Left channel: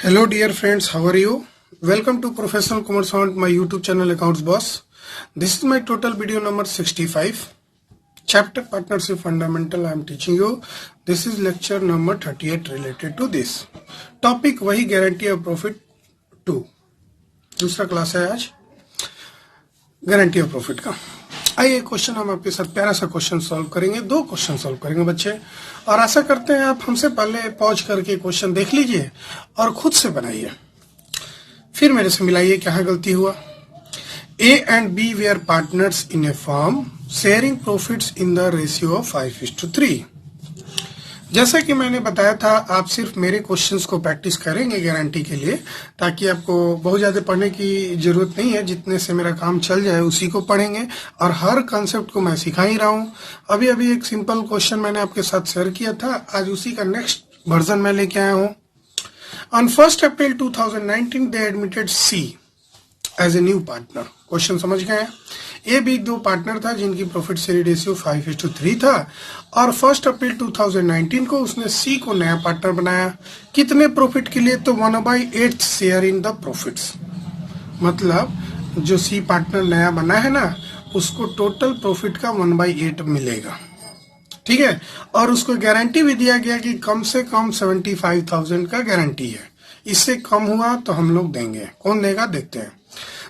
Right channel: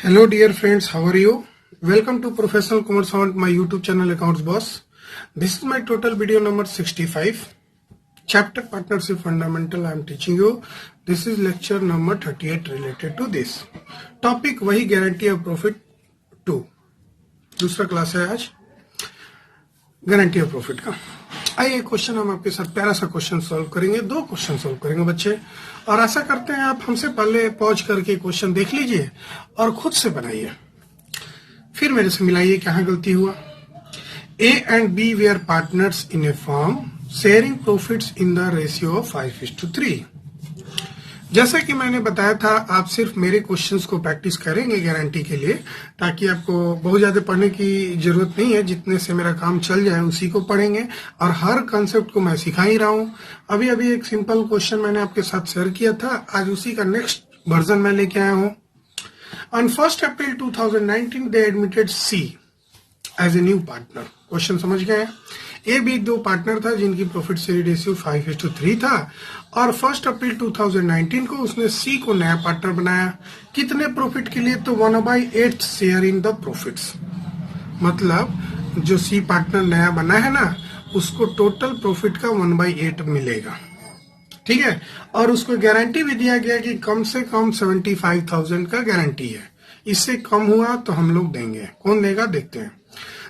Hello dear friends, how are you? Welcome to Professional Commerce on my YouTube channel Accounts Boss. This is my total video number 65. Chapter Partnership Fundamental I am teaching you. This is lecture number 38 related to this. Topic वही Guarantee of Profit 2. दूसरा class है आज guarantee of profit का। आइए question हम आपके साथ प्यारा सा क्वेश्चन सॉल्व करेंगे। 2 क्वेश्चन सॉल्व करेंगे बच्चे, और आशा करते हैं आप हमसे पहले पॉज करके क्वेश्चन देख लीजिए और खुद से बनाइए, फिर मेरे से मिलाइए कहाँ गलती हुआ। A and B were partners in a firm, sharing profits in the ratio of 5:3। जैसा कि मैंने बताया था, आप सिर्फ मेरे क्वेश्चंस को प्रैक्टिस करेंगे गारंटी के लिए, ताकि आपको बहुत ज्यादा पढ़ने की जरूरत नहीं है। जितने से मेरा काम चल जाए उसी को पढ़ेंगे, और हर कॉन्सेप्ट को मैं सिखा ही रहा हूँ। अभी अभी एक सिंपल क्वेश्चन मैंने आपके साथ शेयर किया था, आज उसी का नेक्स्ट वर्जन मैं लेके आया हूँ। On 1 April 2019 they admitted C as a new partner. Question समझ गए? ए बी 2 पार्टनर था जिनकी प्रॉफिट शेयर रेशियो 5:3 था, और 1 अप्रैल 2019 को उसने सी को नया पार्टनर बनाया। कितने प्रॉफिट के लिए? तो 1/8 शेयर इन द प्रॉफिट्स। मतलब जो सी पार्टनर नया बना है ना, उसको टोटल प्रॉफिट का 1/8 मिलेगा। ठीक है, और उसको गारंटी भी दिया गया कि कम से कम 75,000 का गारंटी है। इससे कम हुआ तो हम लोग देंगे। कौन देगा देखते हैं।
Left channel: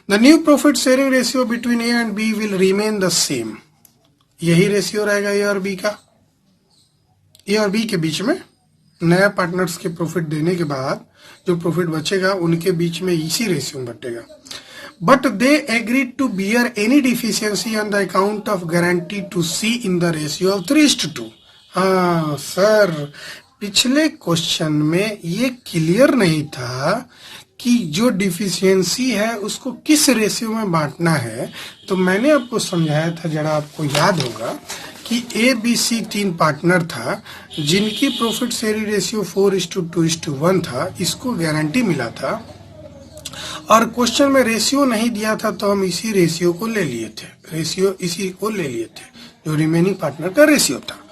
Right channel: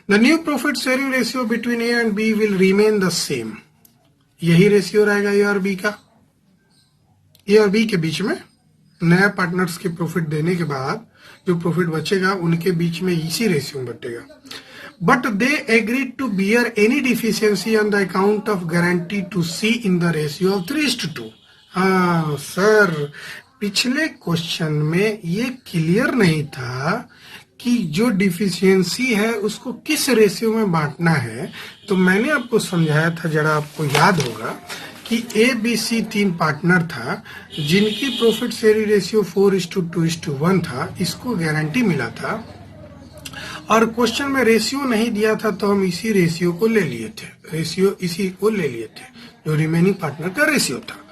The new profit sharing ratio between A and B will remain the same। यही रेशियो रहेगा A और B का। A और B के बीच में नया पार्टनर्स के प्रॉफिट देने के बाद जो प्रॉफिट बचेगा उनके बीच में इसी रेशियो में बटेगा। But they agreed to bear any deficiency on the account of guarantee to C in the ratio of 3:2। हाँ सर, पिछले क्वेश्चन में ये क्लियर नहीं था कि जो डिफिशियंसी है उसको किस रेशियो में बांटना है। तो मैंने आपको समझाया था, जरा आपको याद होगा कि ए बी सी 3 पार्टनर था जिनकी प्रॉफिट शेयरिंग रेशियो 4:2:1 था। इसको गारंटी मिला था, और क्वेश्चन में रेशियो नहीं दिया था, तो हम इसी रेशियो को ले लिए थे। रेशियो इसी को ले लिए थे जो रिमेनिंग पार्टनर का रेशियो था।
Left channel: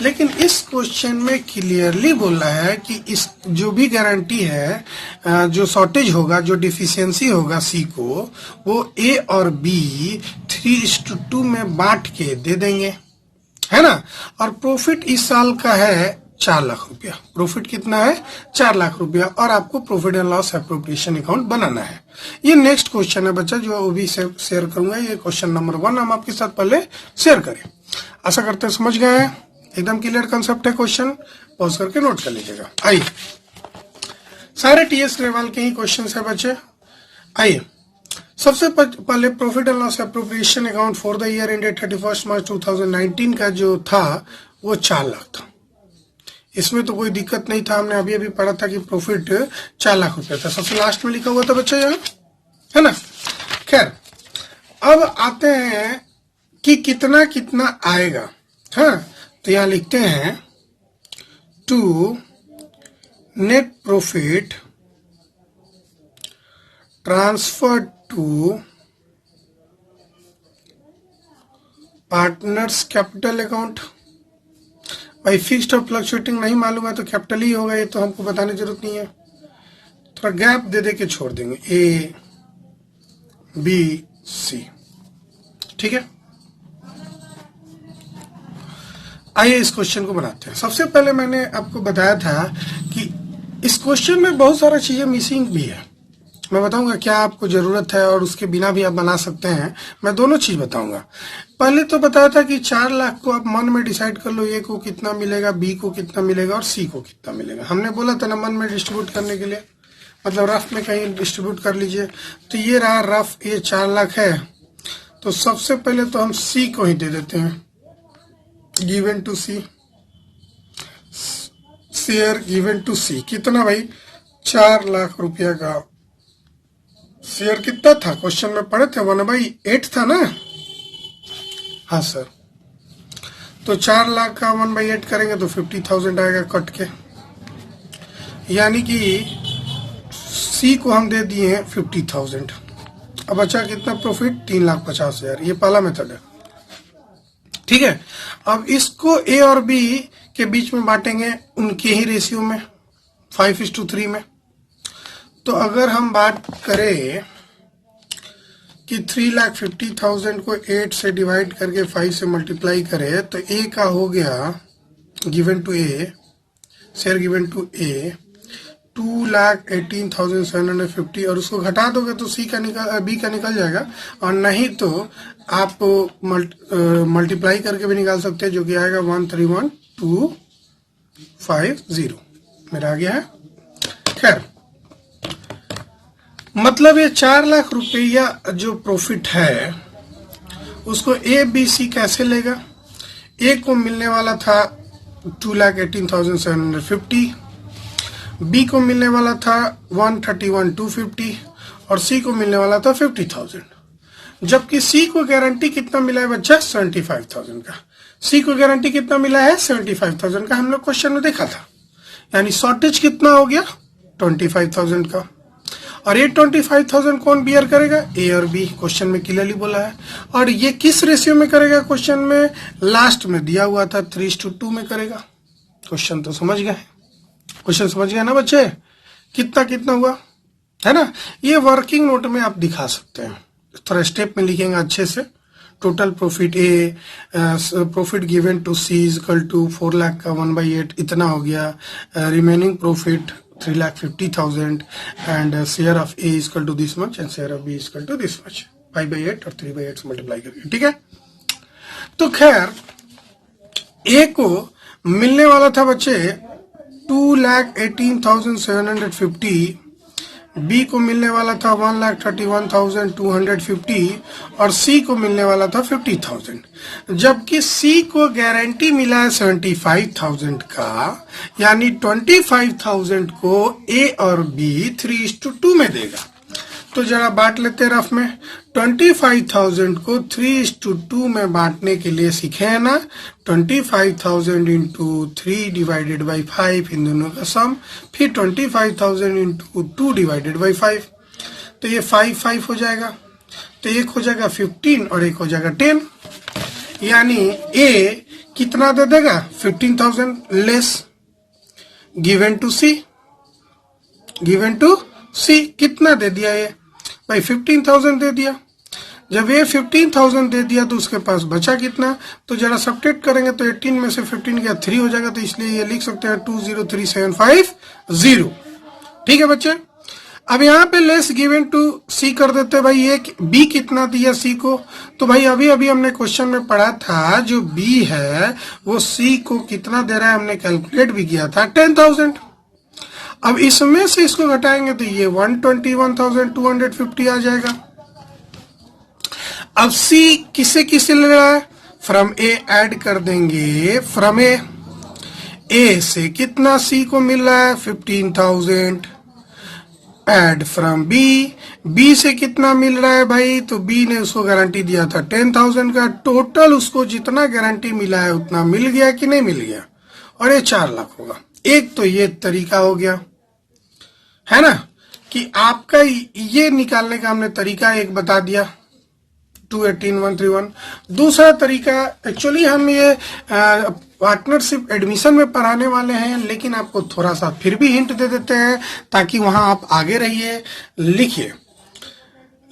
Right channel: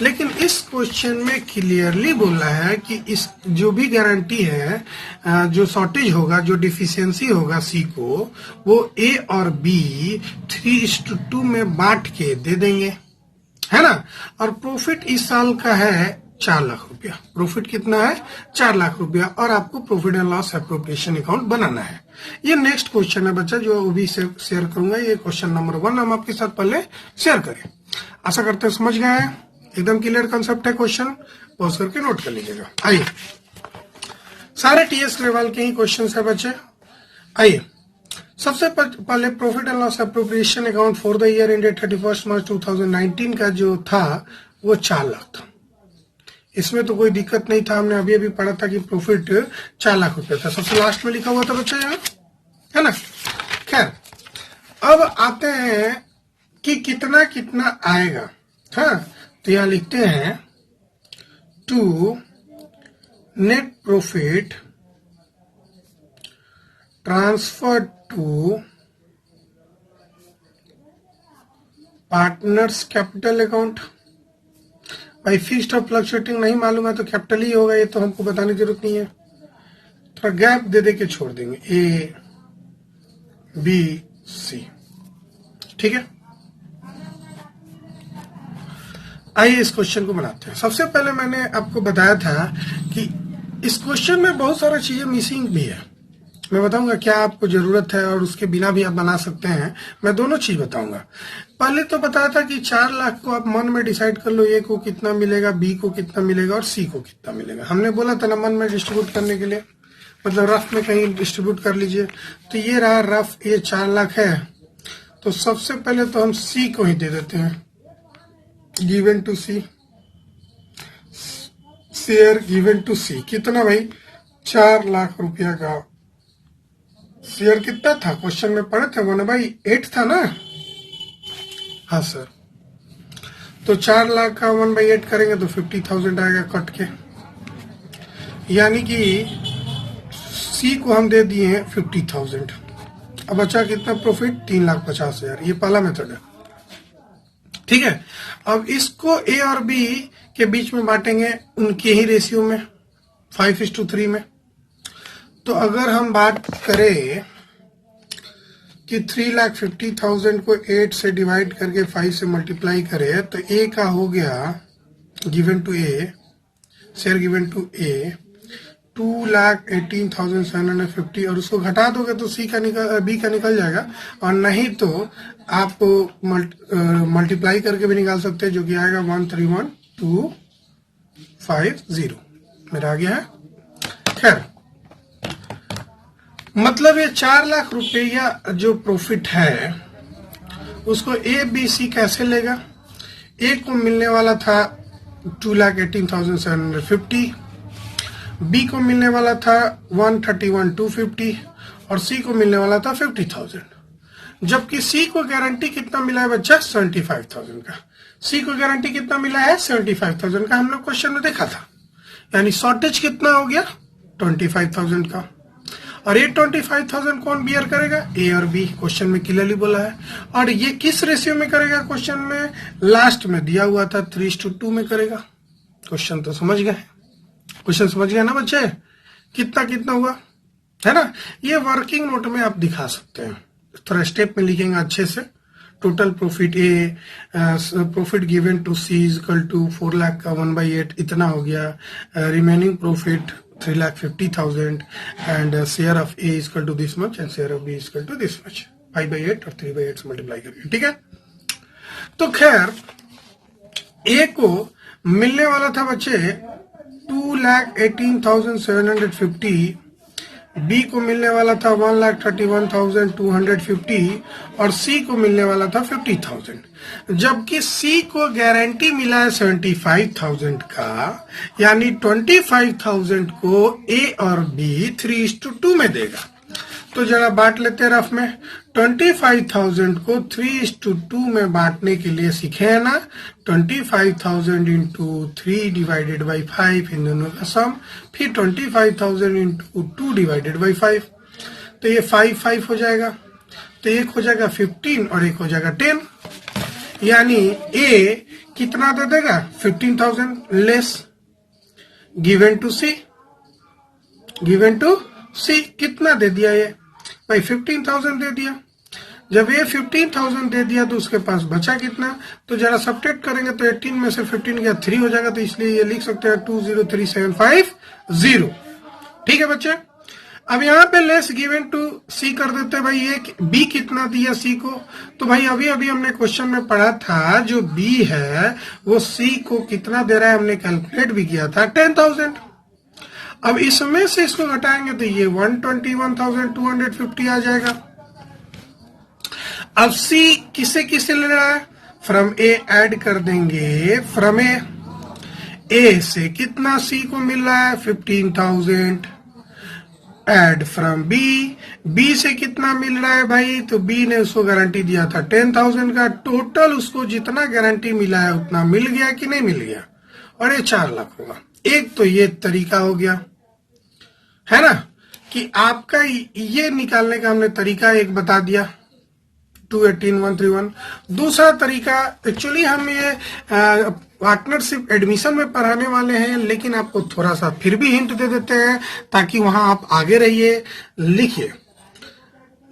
लेकिन इस क्वेश्चन में क्लियरली बोला है कि इस जो भी गारंटी है, जो शॉर्टेज होगा, जो डिफिशियंसी होगा सी को, वो ए और बी 3:2 में बांट के दे देंगे, है ना। और प्रॉफिट इस साल का है 4 लाख रुपया। प्रॉफिट कितना है? 4 लाख रुपया, और आपको profit and loss appropriation account बनाना है। ये नेक्स्ट क्वेश्चन है बच्चा, जो अभी शेयर करूंगा। ये क्वेश्चन नंबर 1 हम आपके साथ पहले शेयर करें। आशा करते हैं समझ गए हैं, एकदम क्लियर कंसेप्ट है। क्वेश्चन पॉज करके नोट कर लीजिएगा। आइए, सारे टीएस लेवल के ही क्वेश्चन है बच्चे। आइए, सबसे पहले profit and loss appropriation account for the year ended 31 मार्च 2019 का जो था वो 4 लाख था। इसमें तो कोई दिक्कत नहीं था, हमने अभी अभी पढ़ा था कि प्रॉफिट 4 लाख रुपए था। सबसे लास्ट में लिखा हुआ था बच्चे, है ना। खैर, अब आते हैं कि कितना कितना आएगा। हाँ, तो यहां लिखते हैं to net profit transfer to partners capital account. भाई फिक्स्ड और फ्लक्चुएटिंग नहीं मालूम है तो कैपिटल ही होगा, ये तो हमको बताने की जरूरत नहीं है। थोड़ा गैप दे के छोड़ देंगे, ए बी सी। ठीक है, आइए इस क्वेश्चन को बनाते हैं। सबसे पहले मैंने आपको बताया था कि इस क्वेश्चन में बहुत सारा चीजें मिसिंग भी है। मैं बताऊंगा क्या आपको जरूरत है, और उसके बिना भी आप बना सकते हैं। मैं दोनों चीज बताऊंगा। पहले तो बताया था कि 4 लाख को आप मन में डिसाइड कर लो, ए को कितना मिलेगा, बी को कितना मिलेगा और सी को कितना मिलेगा। हमने बोला था ना मन में डिस्ट्रीब्यूट करने के लिए, मतलब रफ में कहीं डिस्ट्रीब्यूट कर लीजिए। तो ये रहा रफ, ये 4 लाख है। तो सबसे पहले तो हम सी को ही दे देते हैं, given to C, share given to C. कितना भाई? 4 लाख रुपया का शेयर कितना था? क्वेश्चन में पढ़े थे 1/8 था ना। हाँ सर, तो 4 लाख का 1/8 करेंगे तो 50,000 आएगा कट के। यानी कि सी को हम दे दिए हैं 50,000। अब बचा कितना प्रॉफिट? 3,50,000। ये पहला मेथड है। ठीक है, अब इसको ए और बी के बीच में बांटेंगे उनके ही रेशियो में 5:3 में। तो अगर हम बात करें कि 3,50,000 को 8 से डिवाइड करके 5 से मल्टीप्लाई करें तो ए का हो गया given to A, share given to A 2,18,750 और उसको घटा दोगे तो बी का निकल जाएगा, और नहीं तो आप मल्टीप्लाई करके भी निकाल सकते हैं, जो कि आएगा 131,250 मेरा आ गया है। खैर, मतलब ये 4 लाख रुपया जो प्रॉफिट है उसको ए बी सी कैसे लेगा। ए को मिलने वाला था 2,18,750, बी को मिलने वाला था 131,250 और सी को मिलने वाला था 50,000। जबकि सी को गारंटी कितना मिला है बच्चा? 75,000 का। सी को गारंटी कितना मिला है? 75,000 का। हम लोग क्वेश्चन में देखा था, यानी शॉर्टेज कितना हो गया? 25,000 का। और ये 25,000 कौन बियर करेगा? ए और बी, क्वेश्चन में क्लियरली बोला है। और ये किस रेशियो में करेगा? क्वेश्चन में लास्ट में दिया हुआ था 3:2 में करेगा। क्वेश्चन तो समझ गए? क्वेश्चन समझ गया ना बच्चे? कितना कितना हुआ है ना। ये वर्किंग नोट में आप दिखा सकते हैं, थोड़ा स्टेप में लिखेंगे अच्छे से। Total profit A, profit given to C is equal to 4 lakh का 1/8 इतना हो गया। Remaining profit 3,50,000 and share of A is equal to this much and share of B is equal to this much, 5/8 और 3/8 से मल्टीप्लाई करके। ठीक है, तो खैर ए को मिलने वाला था बच्चे 2,18,750, बी को मिलने वाला था 1,31,250 और सी को मिलने वाला था 50,000। जबकि सी को गारंटी मिला है 75,000 का, यानी 25,000 को ए और बी 3:2 में देगा। तो जरा बांट लेते हैं रफ में। 25,000 को 3:2 में बांटने के लिए सीखे है ना। 25,000 इंटू 3 डिवाइडेड बाई 5, इन दोनों का सम, फिर 25,000 इंटू 2 डिवाइडेड बाई 5, तो ये 5 हो जाएगा। तो एक हो जाएगा 15 और एक हो जाएगा 10, यानी ए कितना दे देगा? 15,000 less given to C. Given to C कितना दे दिया ये भाई? 15,000 दे दिया। जब ये 15,000 दे दिया तो उसके पास बचा कितना? तो जरा सब्ट्रैक्ट करेंगे तो 18 में से 15 गया 3 हो जाएगा, तो इसलिए ये लिख सकते हैं 203,750। ठीक है बच्चे, अब यहाँ पे लेस गिवन टू सी कर देते हैं। भाई ये बी कितना दिया सी को? तो भाई अभी अभी हमने क्वेश्चन में पढ़ा था, जो बी है वो सी को कितना दे रहा है, हमने कैलकुलेट भी किया था 10,000। अब इसमें से इसको घटाएंगे तो ये 121,250 आ जाएगा। अब सी किसे किसे ले रहा है? फ्रॉम ए ऐड कर देंगे। फ्रॉम ए से कितना सी को मिल रहा है? 15,000। ऐड फ्रॉम बी से कितना मिल रहा है भाई? तो बी ने उसको गारंटी दिया था 10,000 का। टोटल उसको जितना गारंटी मिला है उतना मिल गया कि नहीं मिल गया? और ये 4 लाख होगा। एक तो ये तरीका हो गया है ना, कि आपका ये निकालने का हमने तरीका एक बता दिया, 218,131। दूसरा तरीका, एक्चुअली हम ये पार्टनरशिप एडमिशन में पढ़ाने वाले हैं, लेकिन आपको थोड़ा सा फिर भी हिंट दे देते हैं ताकि वहां आप आगे रहिए। लिखिए,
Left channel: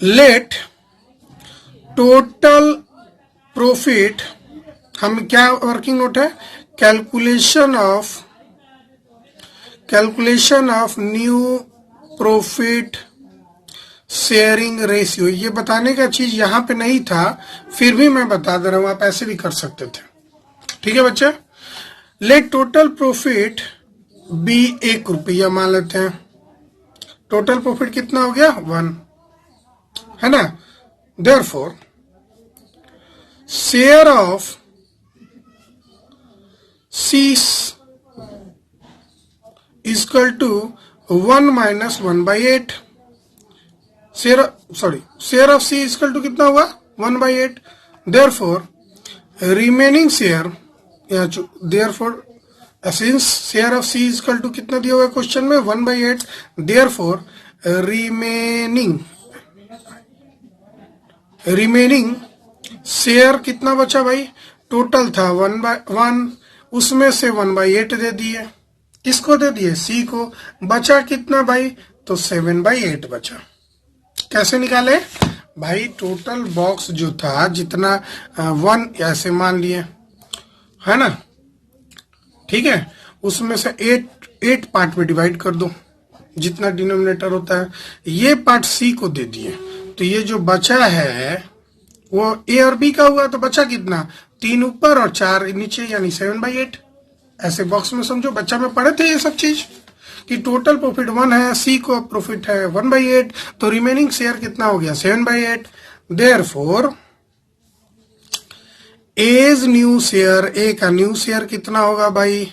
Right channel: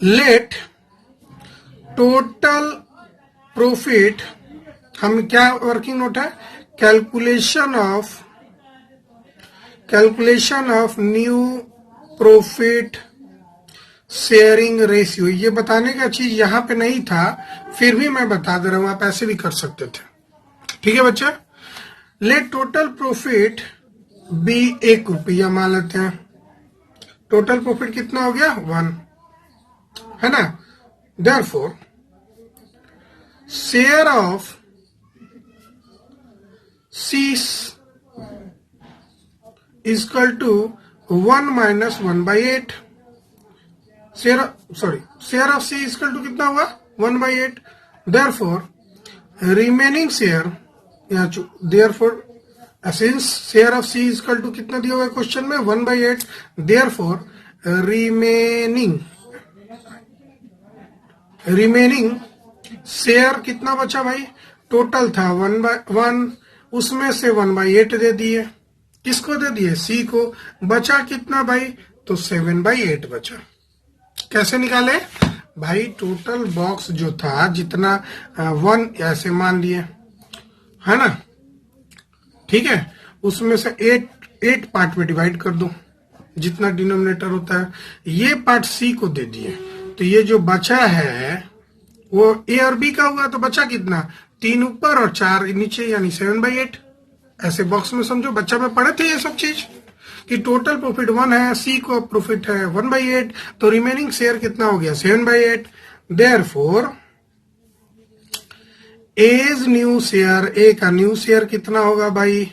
लेट टोटल प्रॉफिट, हम क्या वर्किंग नोट है? Calculation of new profit sharing ratio. ये बताने का चीज यहाँ पे नहीं था, फिर भी मैं बता दे रहा हूं, आप ऐसे भी कर सकते थे। ठीक है बच्चा, लेट टोटल प्रॉफिट बी 1 रुपया मान लेते हैं। टोटल प्रॉफिट कितना हो गया? 1 है ना। Therefore share of C equal to 1 minus 1/8। Share of C equal to कितना होगा? 1/8। देयरफॉर रिमेनिंग शेयर, या therefore since share of C equal to कितना दिया हुआ है क्वेश्चन में? 1/8। देयरफॉर रिमेनिंग शेयर कितना बचा भाई? टोटल था 1/1, उसमें से 1/8 दे दिए। किसको दे दिए? सी को। बचा कितना भाई? तो 7/8 बचा। कैसे निकाले भाई? टोटल बॉक्स जो था जितना 1 ऐसे मान लिए, है ना, ठीक है, उसमें से 8 पार्ट में डिवाइड कर दो जितना डिनोमिनेटर होता है। ये पार्ट सी को दे दिए, तो ये जो बचा है वो ए और बी का हुआ, तो बचा कितना? 3 ऊपर और 4 नीचे, यानी 7/8। ऐसे बॉक्स में समझो, बच्चा में पढ़े थे ये सब चीज कि टोटल प्रॉफिट 1 है, सी को प्रॉफिट है 1/8, तो रिमेनिंग शेयर कितना हो गया? 7/8। देयरफॉर एज न्यू शेयर, ए का न्यू शेयर कितना होगा भाई?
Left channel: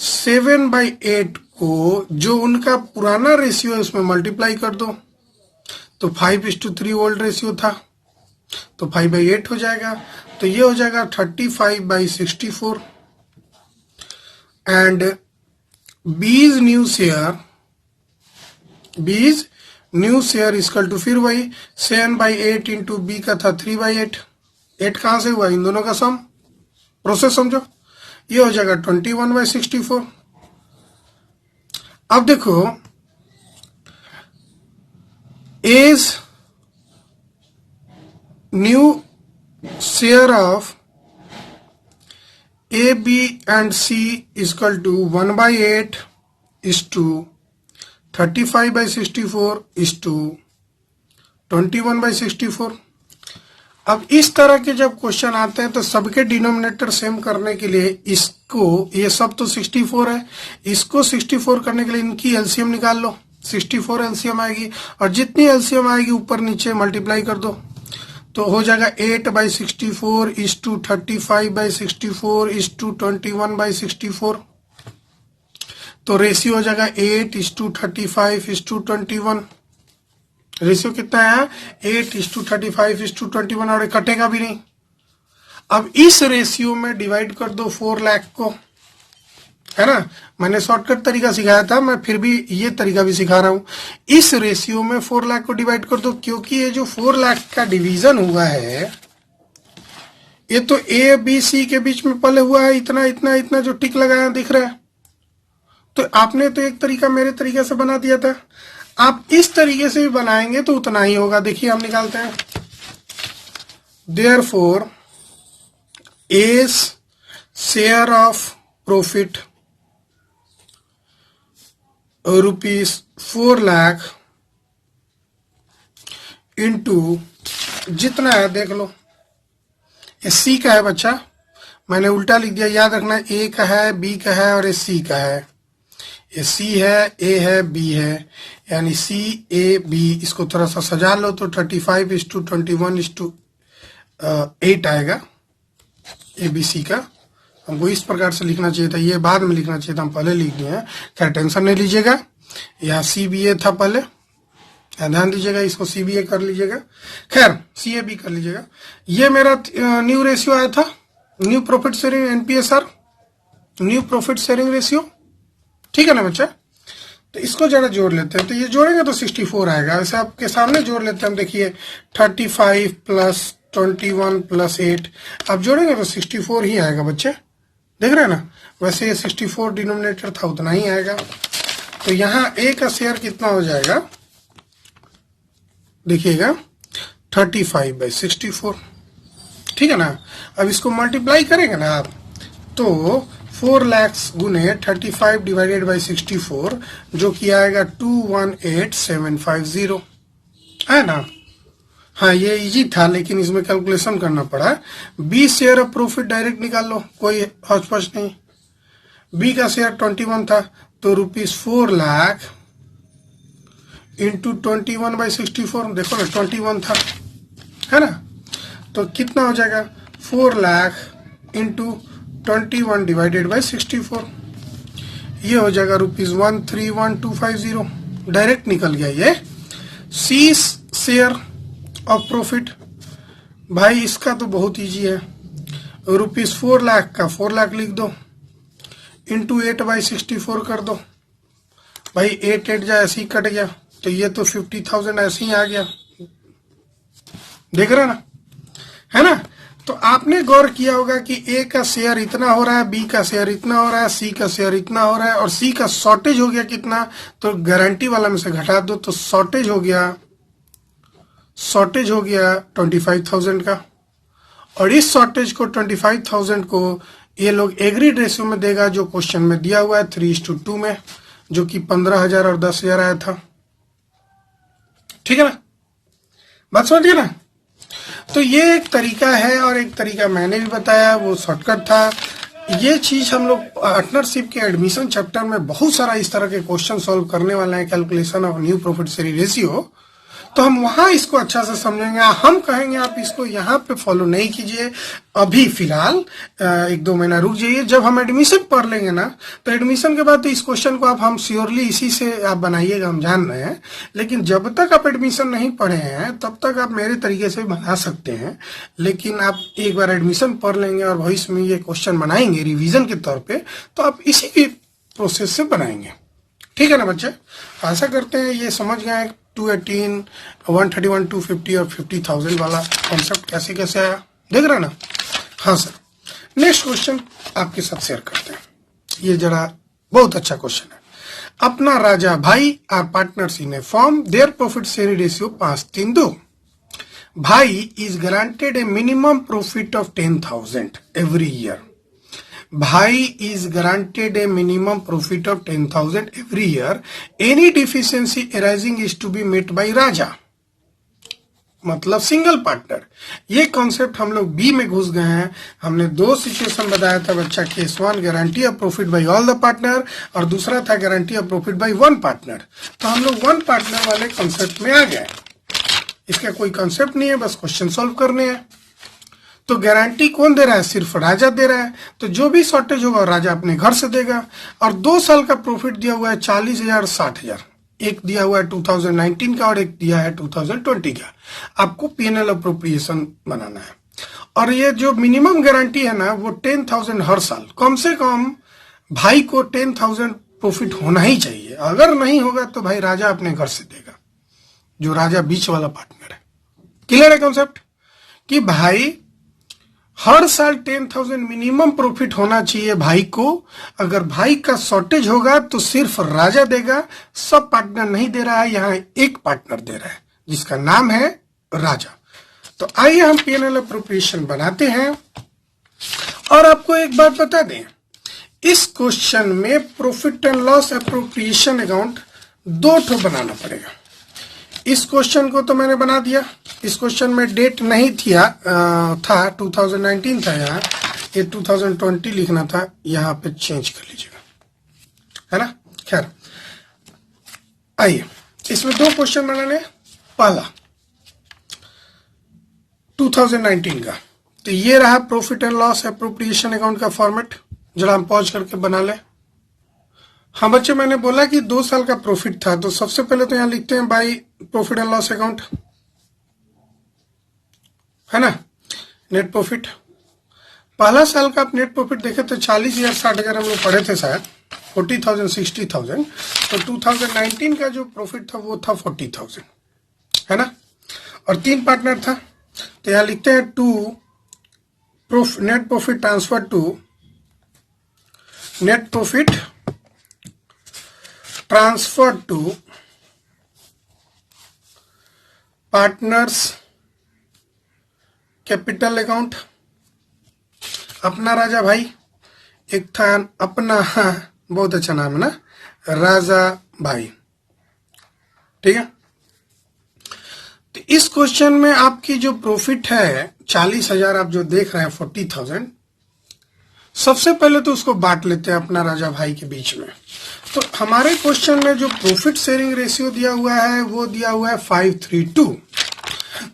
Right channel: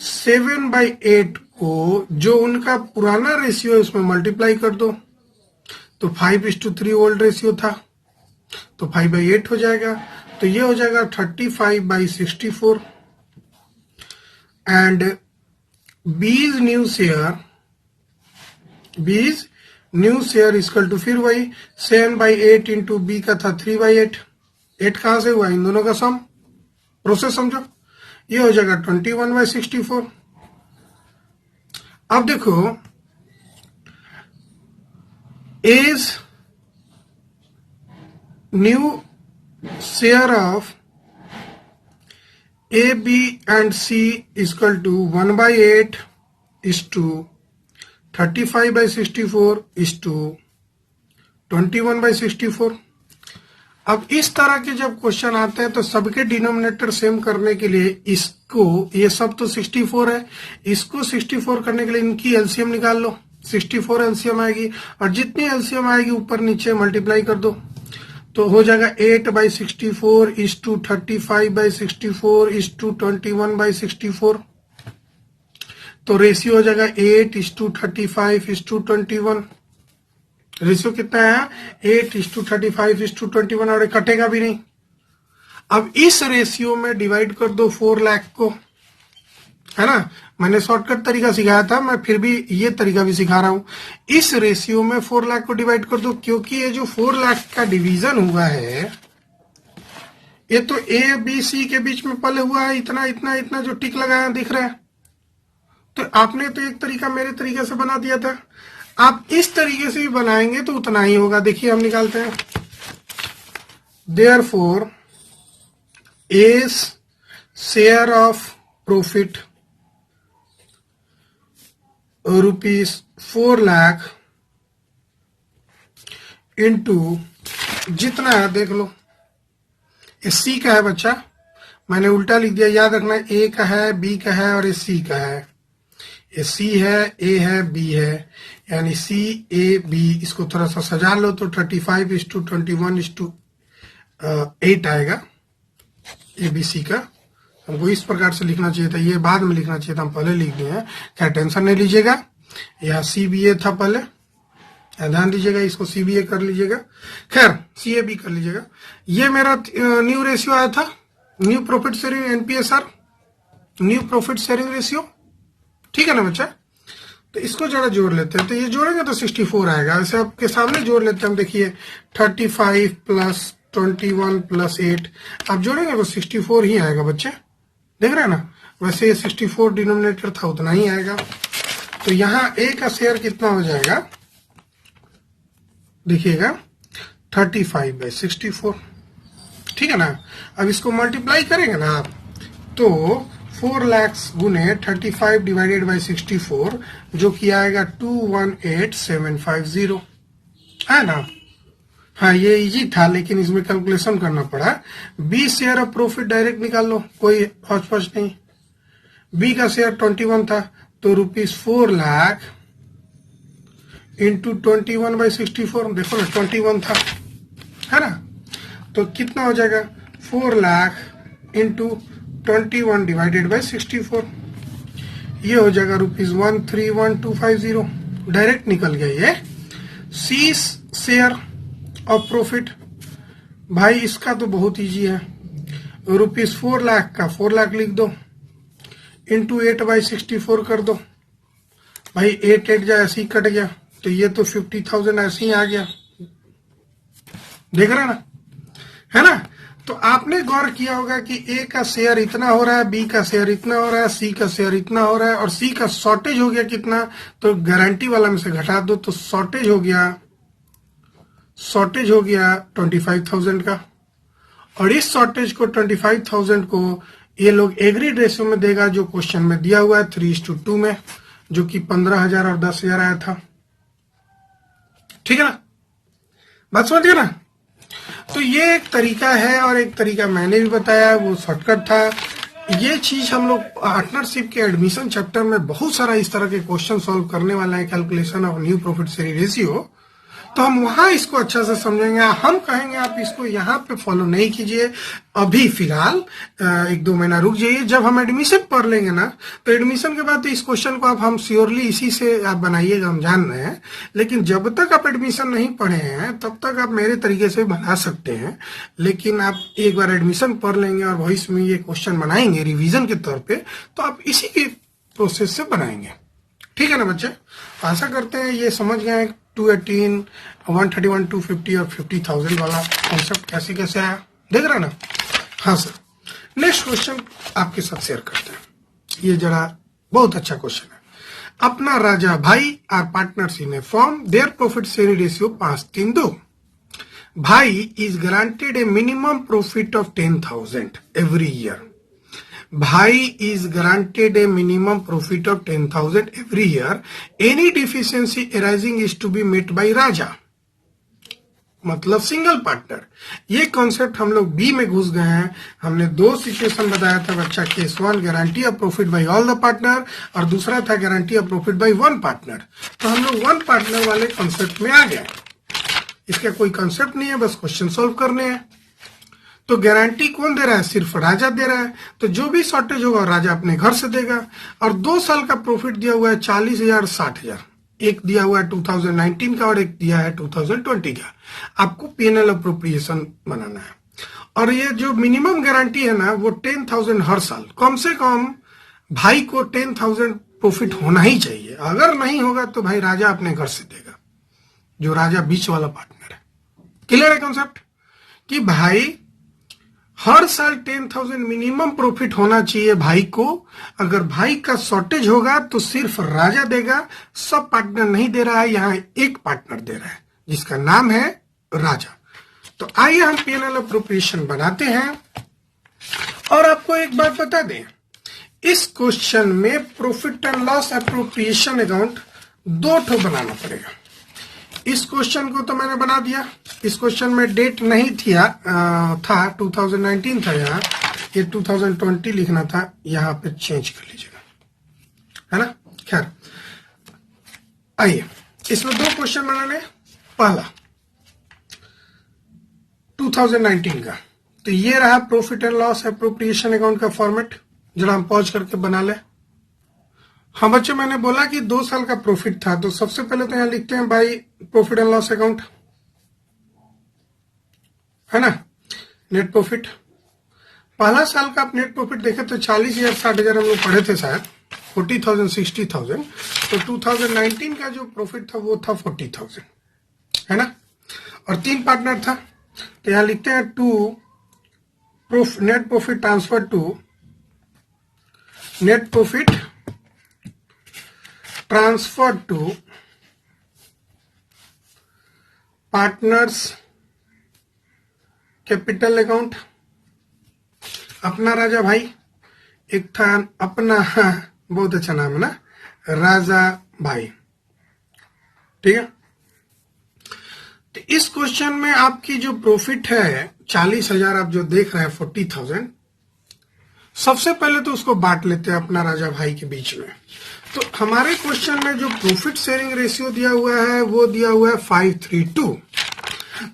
7/8 को जो उनका पुराना रेशियो है उसमें मल्टीप्लाई कर दो, तो 5:3 ओल्ड रेशियो था, तो 5/8 हो जाएगा, तो ये हो जाएगा 35/64। एंड बीज न्यू शेयर इक्वल टू, फिर वही 7/8 इंटू बी का था 3/8। 8 कहां से हुआ? इन दोनों का सम। प्रोसेस समझो, ये हो जाएगा 21/64। अब देखो, as new share of A B and C equal to 1/8 is to 35/64 is to 21/64। अब इस तरह के जब क्वेश्चन आते हैं तो सबके डिनोमिनेटर सेम करने के लिए इसको, ये सब तो 64 है, इसको 64 करने के लिए इनकी एलसीएम निकाल लो। 64 एलसीएम आएगी, और जितनी एलसीएम आएगी ऊपर नीचे मल्टीप्लाई कर दो, तो हो जाएगा 8/64 इज टू 35/64 इज टू 21/64। तो रेशियो हो जाएगा 8:35 इज टू 21। रेशियो कितना है? 8:35 इज टू 21, और कटेगा भी नहीं। अब इस रेशियो में डिवाइड कर दो 4 लाख को, है ना। मैंने शॉर्टकट तरीका सिखाया था, मैं फिर भी ये तरीका भी सिखा रहा हूं। इस रेशियो में 4 लाख को डिवाइड कर दो, क्योंकि ये जो 4 लाख का डिवीजन हुआ है ये तो ए बी सी के बीच में पहले हुआ है, इतना इतना इतना जो टिक लगाया दिख रहा है। तो आपने तो एक तरीका मेरे तरीके से बना दिया था, आप इस तरीके से भी बनाएंगे तो उतना ही होगा। देखिए हम निकालते हैं। Therefore as share of profit ₹4 lakh into जितना है देख लो, सी का है बच्चा, मैंने उल्टा लिख दिया, याद रखना। ए का है, बी का है और सी का है। ये सी है, ए है, बी है, यानी सी ए बी। इसको थोड़ा सा सजा लो तो 35:21:8 आएगा ए बी सी का। हमको इस प्रकार से लिखना चाहिए था, ये बाद में लिखना चाहिए था, हम पहले लिख दिए हैं। क्या टेंशन नहीं लीजिएगा। यहाँ सी बी ए था पहले, ध्यान दीजिएगा, इसको सी बी ए कर लीजिएगा, खैर सी ए बी कर लीजिएगा। ये मेरा न्यू रेशियो आया था, new profit sharing एनपीएसआर, new profit sharing ratio, ठीक है ना बच्चा। तो इसको जरा जोड़ लेते हैं, तो ये जोड़ेंगे तो 64 आएगा। ऐसे आपके सामने जोड़ लेते हैं, देखिए 35 + 21 + 8, अब जोड़ेंगे तो 64 ही आएगा बच्चा, देख रहे हैं ना। वैसे ये 64 डिनोमिनेटर था, उतना ही आएगा। तो यहाँ ए का शेयर कितना हो जाएगा देखिएगा, 35/64, ठीक है ना। अब इसको मल्टीप्लाई करेंगे ना आप, तो 4 लाख गुने 35/64 जो कि आएगा 218750, है ना। हाँ ये इजी था, लेकिन इसमें कैलकुलेशन करना पड़ा। B share of profit direct निकाल लो, कोई हौच-पौच नहीं। बी का शेयर 21 था, तो ₹4 लाख इंटू 21/64, देखो ना 21 था, है ना। तो कितना हो जाएगा? 4 लाख इंटू 21/64, ये हो जाएगा ₹131,250, डायरेक्ट निकल गया ये। सी शेयर ऑफ प्रॉफिट, भाई इसका तो बहुत इजी है। ₹4 लाख का 4 लाख लिख दो, इंटू 8/64 कर दो, भाई 8 जाए ऐसे ही कट गया, तो ये तो 50,000 ऐसे ही आ गया, देख रहे ना, है ना। तो आपने गौर किया होगा कि ए का शेयर इतना हो रहा है, बी का शेयर इतना हो रहा है, सी का शेयर इतना हो रहा है और सी का शॉर्टेज हो गया कितना, तो गारंटी वाला में से घटा दो तो शॉर्टेज हो गया 25,000 का। और इस शॉर्टेज को 25,000 को ये लोग एग्रीड रेशियो में देगा जो क्वेश्चन में दिया हुआ है 3:2 में, जो कि 15,000 और 10,000 आया था। ठीक है ना, बात समझिए ना। तो ये एक तरीका है और एक तरीका मैंने भी बताया, वो शॉर्टकट था। ये चीज हम लोग पार्टनरशिप के एडमिशन चैप्टर में बहुत सारा इस तरह के क्वेश्चन सॉल्व करने वाले हैं, calculation of new profit sharing ratio. तो हम वहां इसको अच्छा से समझेंगे। हम कहेंगे आप इसको यहाँ पे फॉलो नहीं कीजिए, अभी फिलहाल 1-2 महीना रुक जाइए। जब हम एडमिशन पढ़ लेंगे ना, तो एडमिशन के बाद तो इस क्वेश्चन को आप हम श्योरली इसी से आप बनाइएगा, हम जान रहे हैं। लेकिन जब तक आप एडमिशन नहीं पढ़े हैं तब तक आप मेरे तरीके से बना सकते हैं। लेकिन आप एक बार एडमिशन पढ़ लेंगे और भविष्य में ये क्वेश्चन बनाएंगे रिविजन के तौर पर, तो आप इसी के प्रोसेस से बनाएंगे। ठीक है ना बच्चे, आशा करते हैं ये समझ गए 218, 131, 250 और 50,000 वाला कॉन्सेप्ट कैसे कैसे आया, देख रहे ना। हाँ सर, नेक्स्ट क्वेश्चन आपके साथ शेयर करते हैं। ये जरा बहुत अच्छा क्वेश्चन है। अपना Raja Bhai are partners in a firm, their profit sharing ratio 5:3 Bhai is granted a minimum profit of 10,000 every year. Bhai is granted a minimum profit of 10,000 every year. Any deficiency arising is to be met by Raja. मतलब single partner. ये concept हम लोग B में घुस गए हैं। हमने 2 situation बताया था बच्चा, case 1 guarantee of profit by all the partner और दूसरा था guarantee of profit by 1 partner. तो हम लोग 1 पार्टनर वाले कॉन्सेप्ट में आ गए। इसका कोई कॉन्सेप्ट नहीं है, बस क्वेश्चन सॉल्व करने हैं। तो गारंटी कौन दे रहा है, सिर्फ राजा दे रहा है। तो जो भी शॉर्टेज होगा राजा अपने घर से देगा। और 2 साल का प्रॉफिट दिया हुआ है 40,000, 60,000। एक दिया हुआ है 2019 का और एक दिया है 2020 का। आपको पीएनएल अप्रोप्रिएशन बनाना है। और ये जो मिनिमम गारंटी है ना, वो 10,000 हर साल, कम से कम भाई को 10,000 प्रॉफिट होना ही चाहिए। अगर नहीं होगा तो भाई राजा अपने घर से देगा, जो राजा बीच वाला पार्टनर है। क्लियर है कॉन्सेप्ट, कि भाई हर साल 10,000 मिनिमम प्रॉफिट होना चाहिए भाई को। अगर भाई का शॉर्टेज होगा तो सिर्फ राजा देगा, सब पार्टनर नहीं दे रहा है, यहाँ एक पार्टनर दे रहा है जिसका नाम है राजा। तो आइए हम पीएनएल अप्रोप्रिएशन बनाते हैं। और आपको एक बात बता दें, इस क्वेश्चन में profit and loss appropriation account 2 ठो बनाना पड़ेगा। इस क्वेश्चन को तो मैंने बना दिया। इस क्वेश्चन में डेट नहीं था 2019 था, यहाँ ये 2020 लिखना था, यहाँ पे चेंज कर लीजिएगा, है ना। खैर आइए, इसमें 2 क्वेश्चन बनाने। पहला 2019 का, तो ये रहा profit and loss appropriation account का फॉर्मेट। जरा हम पॉज करके बना लें। हाँ बच्चे, मैंने बोला कि 2 साल का प्रॉफिट था, तो सबसे पहले तो यहाँ लिखते हैं by profit and loss account, है ना। नेट प्रॉफिट, पहला साल का आप नेट प्रॉफिट देखे तो 40,000, 60,000 हम लोग पढ़े थे शायद, 40,000, 60,000। तो 2019 का जो प्रॉफिट था वो था 40,000, है ना। और 3 पार्टनर था, तो यहाँ लिखते हैं net profit transfer to net profit transfer to partners capital account. अपना राजा भाई, एक था अपना, बहुत अच्छा नाम है ना, राजा भाई, ठीक है। तो इस क्वेश्चन में आपकी जो प्रॉफिट है 40,000, आप जो देख रहे हैं 40,000, सबसे पहले तो उसको बांट लेते हैं अपना राजा भाई के बीच में। तो हमारे क्वेश्चन में जो प्रॉफिट शेयरिंग रेशियो दिया हुआ है वो दिया हुआ है 5:3:2।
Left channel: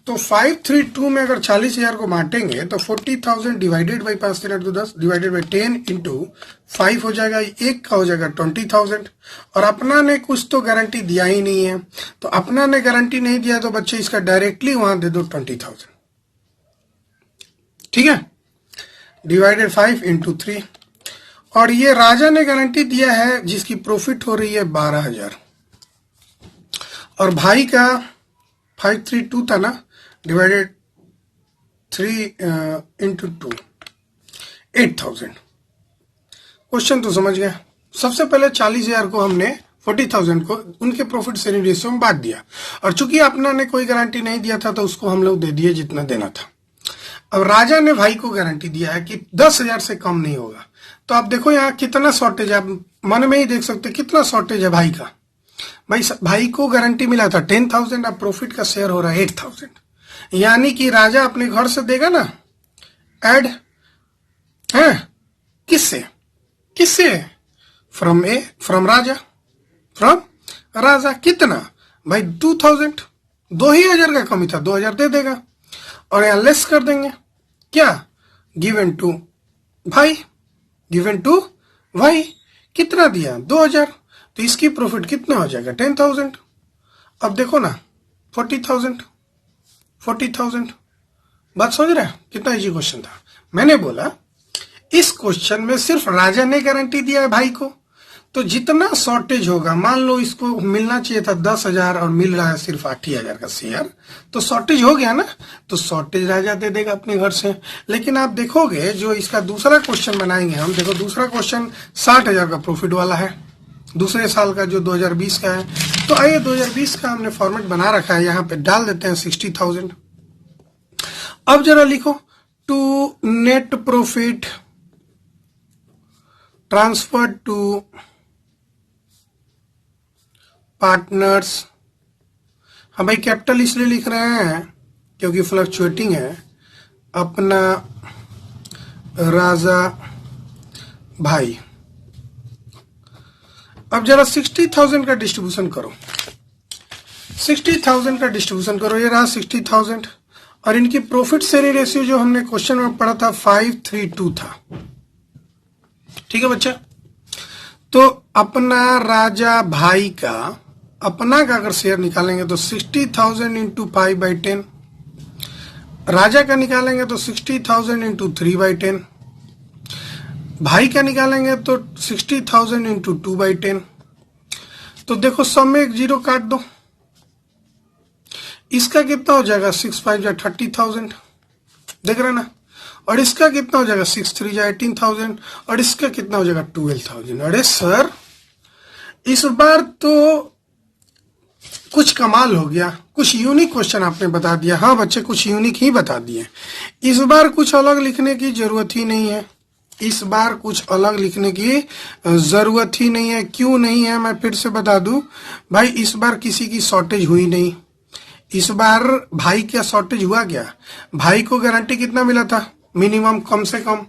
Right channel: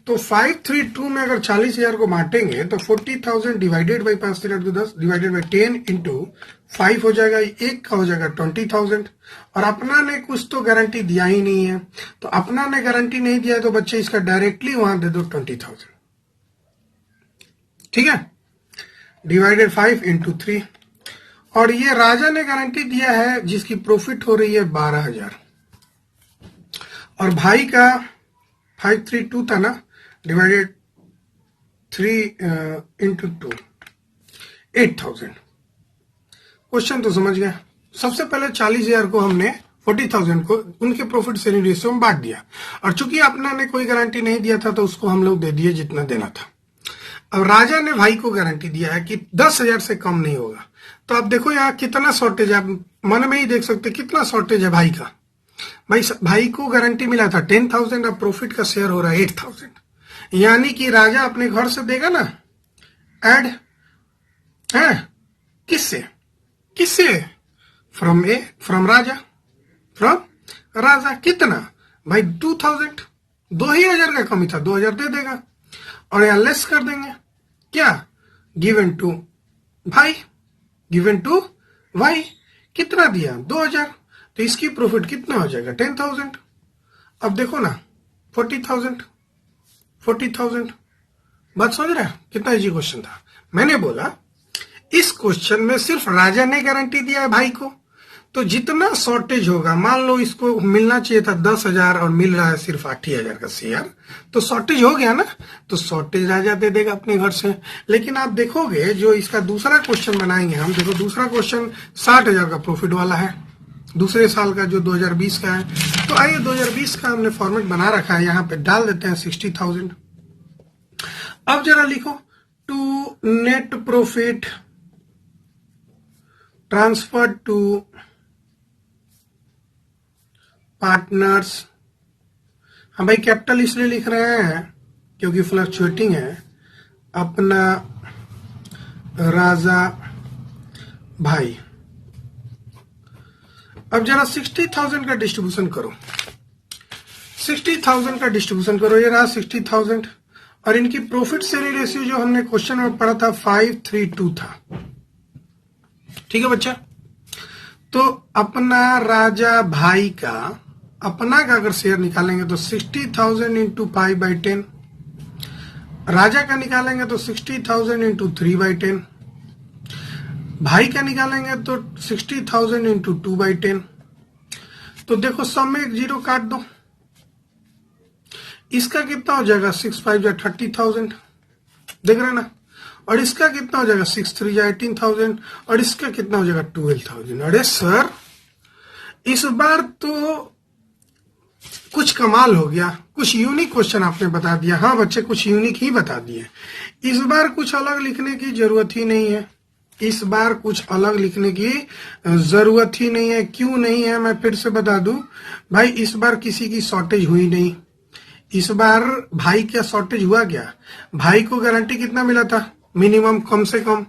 तो 5:3:2 में अगर 40,000 को बांटेंगे तो 40,000 divided by 5×10 divided by 10 into 5 हो जाएगा, एक का हो जाएगा 20,000। और अपना ने कुछ तो गारंटी दिया ही नहीं है, तो अपना ने गारंटी नहीं दिया तो बच्चे इसका डायरेक्टली वहां दे दो 20,000, ठीक है, डिवाइडेड 5 इंटू 3। और ये राजा ने गारंटी दिया है जिसकी प्रॉफिट हो रही है 12,000, और भाई का 5:3:2 था ना, डिवाइडेड 3 into 2 8,000। क्वेश्चन तो समझ गए। सबसे पहले 40,000 को हमने 40,000 को उनके प्रॉफिट शेयरिंग रेशियो में बांट दिया, और चूंकि अपना ने कोई गारंटी नहीं दिया था तो उसको हम लोग दे दिए जितना देना था। अब राजा ने भाई को गारंटी दिया है कि 10,000 से कम नहीं होगा। तो आप देखो यहाँ कितना शॉर्टेज, आप मन में ही देख सकते कितना शॉर्टेज है भाई का। भाई को गारंटी मिला था 10,000, अब प्रॉफिट का शेयर हो रहा है 8,000। यानी कि राजा अपने घर से देगा ना एड है, किससे फ्रॉम राजा कितना भाई 2,000, 2,000 का कमी था, 2,000 दे देगा, और यहाँ लेस कर देंगे क्या, गिवन टू भाई कितना दिया 2,000, तो इसकी प्रॉफिट कितना हो जाएगा 10,000। अब देखो ना 40,000 बात समझ रहा है, कितना इजी क्वेश्चन था। मैंने बोला इस क्वेश्चन में सिर्फ राजा ने गारंटी दिया है भाई को, तो जितना शॉर्टेज होगा, मान लो इसको मिलना चाहिए था 10,000 और मिल रहा है सिर्फ 8,000 का शेयर, तो शॉर्टेज हो गया ना, तो शॉर्टेज राजा दे देगा अपने घर से। लेकिन आप देखोगे जो इसका दूसरा क्वेश्चन बनाएंगे हम, देखो दूसरा क्वेश्चन 60,000 का प्रॉफिट वाला है, दूसरे साल का जो 2020 का है। तो आइए 2020 का हमने फॉर्मेट बना रखा है, यहाँ पे डाल देते हैं 60,000। अब जरा लिखो to net profit transfer to partners. हम भाई कैपिटल इसलिए लिख रहे हैं क्योंकि फ्लक्चुएटिंग है, अपना राजा भाई। अब जरा 60,000 का डिस्ट्रीब्यूशन करो, 60,000 का डिस्ट्रीब्यूशन करो, ये रहा 60,000, और इनकी प्रॉफिट शेयरिंग रेशियो जो हमने क्वेश्चन में पढ़ा था 5:3:2 था। ठीक है बच्चा, तो अपना राजा भाई का अगर शेयर निकालेंगे तो 60,000 इंटू 5/10, राजा का निकालेंगे तो 60,000 इंटू 3/10, भाई का निकालेंगे तो 60,000 इंटू 2/10। तो देखो सब में एक जीरो काट दो, इसका कितना हो जाएगा 6×5 = 30,000, देख रहे ना, और इसका कितना हो जाएगा 6×3 = 18,000, और इसका कितना हो जाएगा 12,000। अरे सर इस बार तो कुछ कमाल हो गया, कुछ यूनिक क्वेश्चन आपने बता दिया। हाँ बच्चे, कुछ यूनिक ही बता दिए। इस बार कुछ अलग लिखने की जरूरत ही नहीं है, इस बार कुछ अलग लिखने की जरूरत ही नहीं है। क्यों नहीं है मैं फिर से बता दूं भाई, इस बार किसी की शॉर्टेज हुई नहीं। इस बार भाई क्या शॉर्टेज हुआ क्या, भाई को गारंटी कितना मिला था, मिनिमम, कम से कम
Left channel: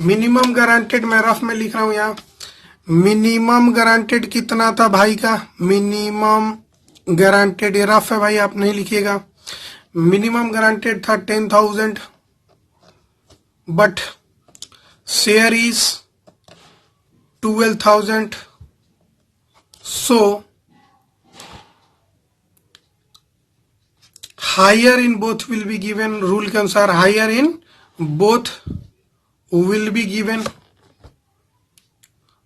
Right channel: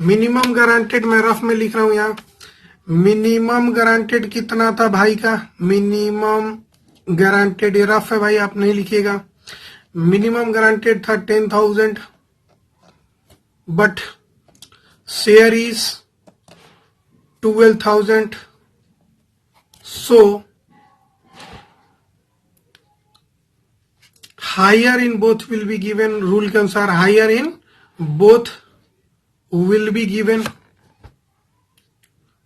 मिनिमम गारंटेड, मैं रफ में लिख रहा हूं यहाँ, मिनिमम गारंटेड कितना था भाई का, मिनिमम गारंटेड, ये रफ है भाई आप नहीं लिखिएगा, मिनिमम गारंटेड था 10,000, but share is 12,000, so higher in both will be given, rule के अनुसार higher in both will be given,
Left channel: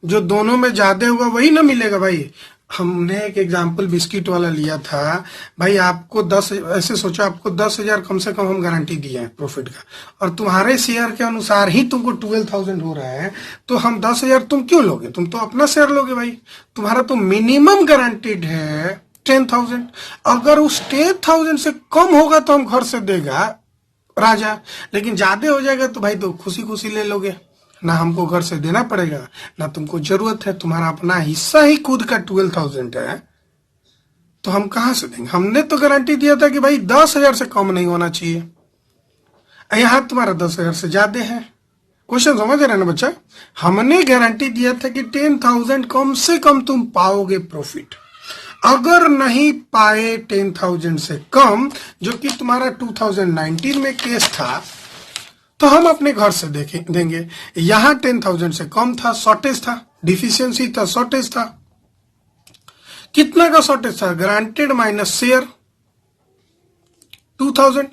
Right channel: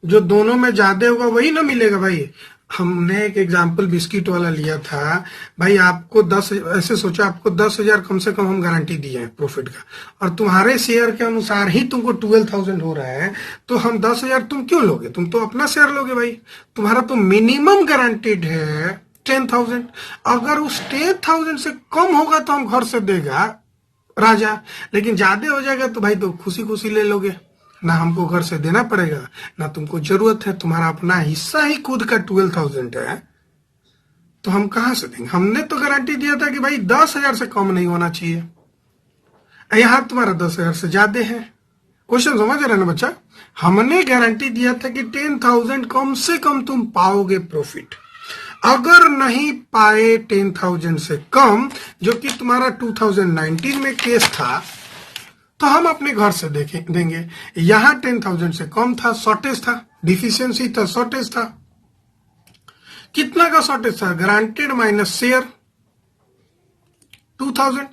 जो दोनों में ज्यादा होगा वही ना मिलेगा भाई। हमने एक एग्जाम्पल बिस्किट वाला लिया था भाई, आपको 10, ऐसे सोचो आपको 10,000 कम से कम हम गारंटी दिए हैं प्रॉफिट का, और तुम्हारे शेयर के अनुसार ही तुमको 12,000 हो रहा है, तो हम 10,000 तुम क्यों लोगे, तुम तो अपना शेयर लोगे भाई। तुम्हारा तो मिनिमम गारंटीड है 10,000, अगर उस 10,000 से कम होगा तो हम घर से देगा राजा, लेकिन ज्यादा हो जाएगा तो भाई तो खुशी खुशी ले लोगे, ना हमको घर से देना पड़ेगा, ना तुमको जरूरत है, तुम्हारा अपना हिस्सा ही खुद का 12,000 है, तो हम कहां से देंगे। हमने तो गारंटी दिया था कि भाई 10,000 से कम नहीं होना चाहिए, यहाँ तुम्हारा 10,000 से ज्यादा है। क्वेश्चन समझ रहे ना बच्चा, हमने गारंटी दिया था कि 10,000 कम से कम तुम पाओगे प्रॉफिट, अगर नहीं पाए 10,000 से कम, जो कि तुम्हारा 2019 में केस था, तो हम अपने घर से देंगे। यहां 10,000 से कम था, शॉर्टेज था, डिफिशियंसी था, शॉर्टेज था। कितना का शॉर्टेज था, ग्रांटेड माइनस शेयर 2,000।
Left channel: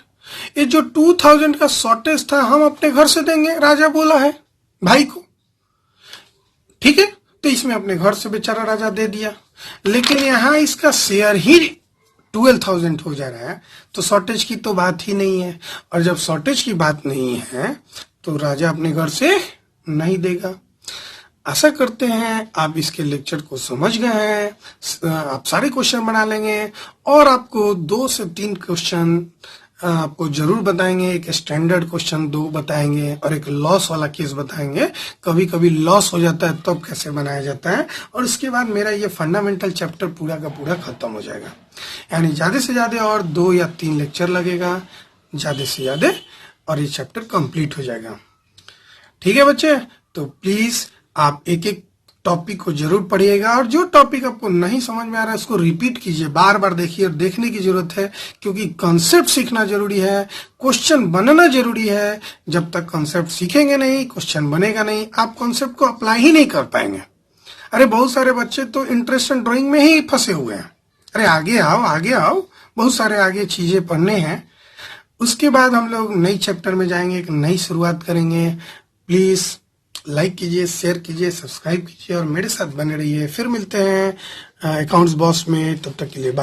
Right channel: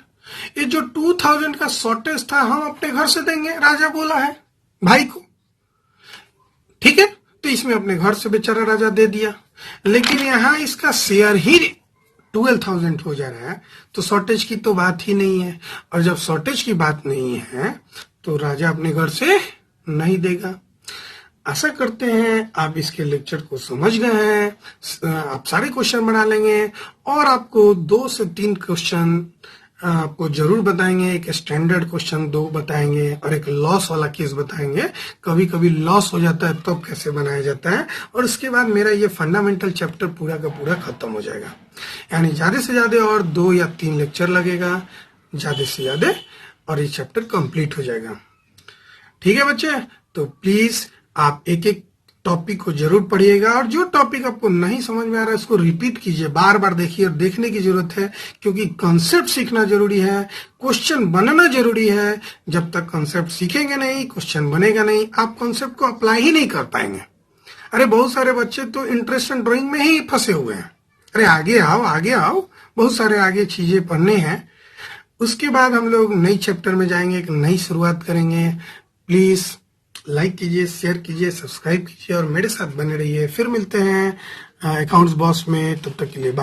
ये जो 2,000 का शॉर्टेज था हम अपने घर से देंगे, राजा बोला है भाई को, ठीक है, तो इसमें अपने घर से बेचारा राजा दे दिया। लेकिन यहां इसका शेयर ही 12,000 हो जा रहा है तो शॉर्टेज की तो बात ही नहीं है। और जब शॉर्टेज की बात नहीं है तो राजा अपने घर से नहीं देगा। आशा करते हैं आप इसके लेक्चर को समझ गए हैं। आप सारे क्वेश्चन बना लेंगे और आपको 2 से 3 क्वेश्चन आपको जरूर बताएंगे। एक स्टैंडर्ड क्वेश्चन 2 बताएंगे और एक लॉस वाला केस बताएंगे। कभी कभी लॉस हो जाता है तब तो कैसे बनाया जाता है। और इसके बाद मेरा ये फंडामेंटल चैप्टर पूरा का पूरा खत्म हो जाएगा। यानी ज्यादा से ज्यादा और 2 या 3 लेक्चर लगेगा ज्यादा से ज्यादा और ये चैप्टर कंप्लीट हो जाएगा। ठीक है बच्चे, तो प्लीज आप एक एक टॉपिक को जरूर पढ़िएगा और जो टॉपिक आपको नहीं समझ में आ रहा है उसको रिपीट कीजिए, बार बार देखिए और देखने की जरूरत है, क्योंकि कॉन्सेप्ट सीखना जरूरी है, क्वेश्चन बनना जरूरी है। जब तक कॉन्सेप्ट सीखेंगे नहीं, क्वेश्चन बनेगा नहीं, आप कॉन्सेप्ट को अप्लाई ही नहीं कर पाएंगे। अरे बहुत सारे बच्चे तो इंटरेस्टेड ड्राइंग में ही फंसे हुए हैं। अरे आगे आओ आगे आओ, बहुत सारे आगे चीजें पढ़ने हैं। उसके बाद हम लोग नई चैप्टर में जाएंगे, एक नई शुरुआत करेंगे। प्लीज लाइक कीजिए, शेयर कीजिए, सब्सक्राइब कीजिए और मेरे साथ बने रहिए। फिर मिलते हैं अकाउंट्स बॉस में, तब तक के लिए बाय।